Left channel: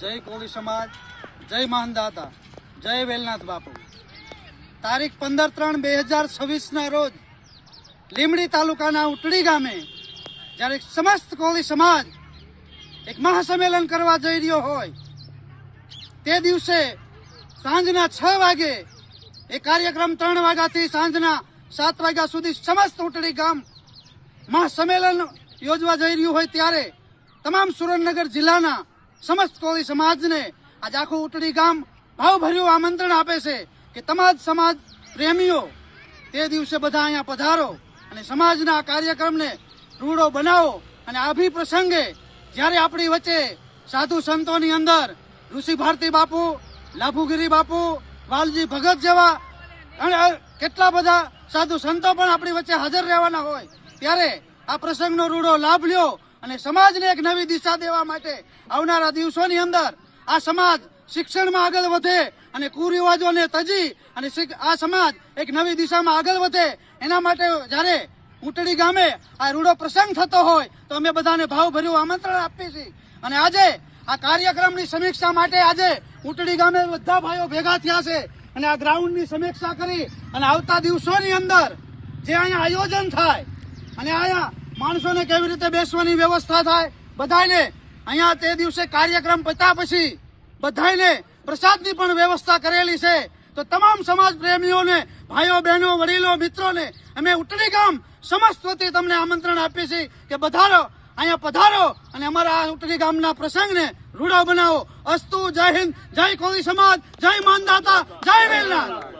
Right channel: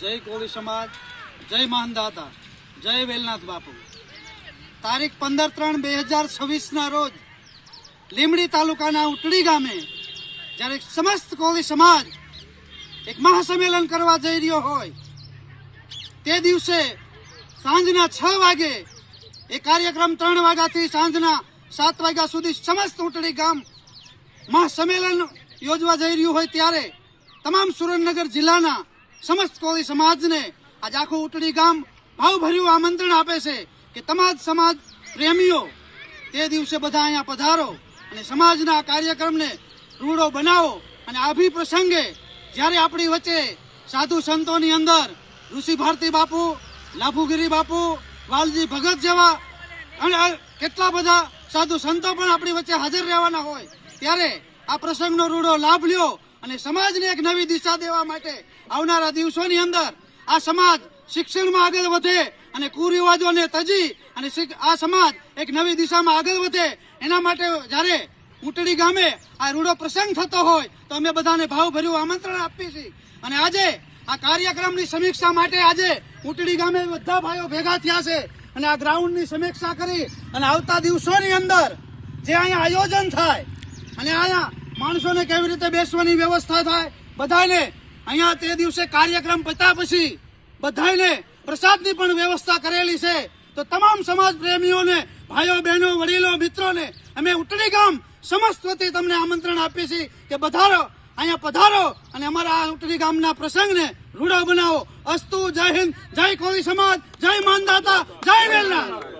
જય કોળી સમાજ, જય માનદાતા, જય વેલનાથ બાપુ। તારીખ 15/3/2026 રોજ લીમડી તાલુકાના ઉટડી ગામે જ્યારે સમસ્ત કોળી સમાજ એક મહાસંમેલન કરવા જઈ રહ્યો હોય તે દિવસે સાંજના 6 વાગે એ કાર્યક્રમ 3 વાગ્યાથી સાંજના 7 વાગ્યા સુધી સમસ્ત ઉટડી ગામ મહાસંમેલન યોજવા જઈ રહ્યું હોય ત્યારે તમામ સુરેન્દ્રનગર જિલ્લાના સમસ્ત કોળી સમાજને આજ આખું ઉટડી ગામ ભાવભર્યું આમંત્રણ આપે છે કે તમામ સમાજ પ્રેમીઓ તે દિવસે બધા અહીંયા પધારો અને સમાજના કાર્યક્રમને રૂડો બનાવો। અને આ પ્રસંગે જ્યારે આપણી વચ્ચે સાધુ સંતોની અંદર ઋષિ ભારતી બાપુ, લાભુગીરી બાપુ, વાલજી ભગત જેવા અને કેટલા બધા સાધુ સંતો પણ આપણી વચ્ચે હાજર રહેવાના હોય ત્યારે આ પ્રસંગનો રૂડો લાભ લ્યો અને સમાજને એક નવી દિશા દેવા માટે આવનારા દિવસોની અંદર આ સમાજ શિક્ષણમાં આગળ વધે અને કુરિવાજોને તજી અને આ સમાજ એક નવી દિશામાં આગળ વધે એના માટે જ્યારે ઉટડી ગામે આ રૂડો પ્રસંગ થતો હોય તો અમે બધાને ભાવભર્યું આમંત્રણ આપીએ છીએ। અને આજે આ કાર્યક્રમની સમીક્ષા માટે આજે ઉટડી ગામે બધા ભાઈઓ ભેગા થયા છે અને આ ગ્રાઉન્ડની સમીક્ષા કરી અને આવતા દિવસોની અંદર જે અહીંયા આયોજન થાય અને અહીંયા માણસોને કેવી રીતે બેસવાની વ્યવસ્થા થાય, બધાને અહીંયા તે દિવસે કાર્યક્રમ પત્યા પછી બધાને પ્રસાદની પણ વ્યવસ્થા કરેલી છે। તો તમામ સમાજ પ્રેમીઓને, ભાઈઓ બહેનો, વડીલો, મિત્રોને અમે ઉટડી ગામ સમસ્ત વતી તમને આમંત્રણ આપીએ છીએ કે પધારો, અહીંયા પધારો અને અમારા આ ઉટડી ગામના પ્રસંગને રૂડો બનાવો। અસ્તુ, જય હિન્દ, જય કોળી સમાજ, જય માનદાતા, જય વેલનાથ।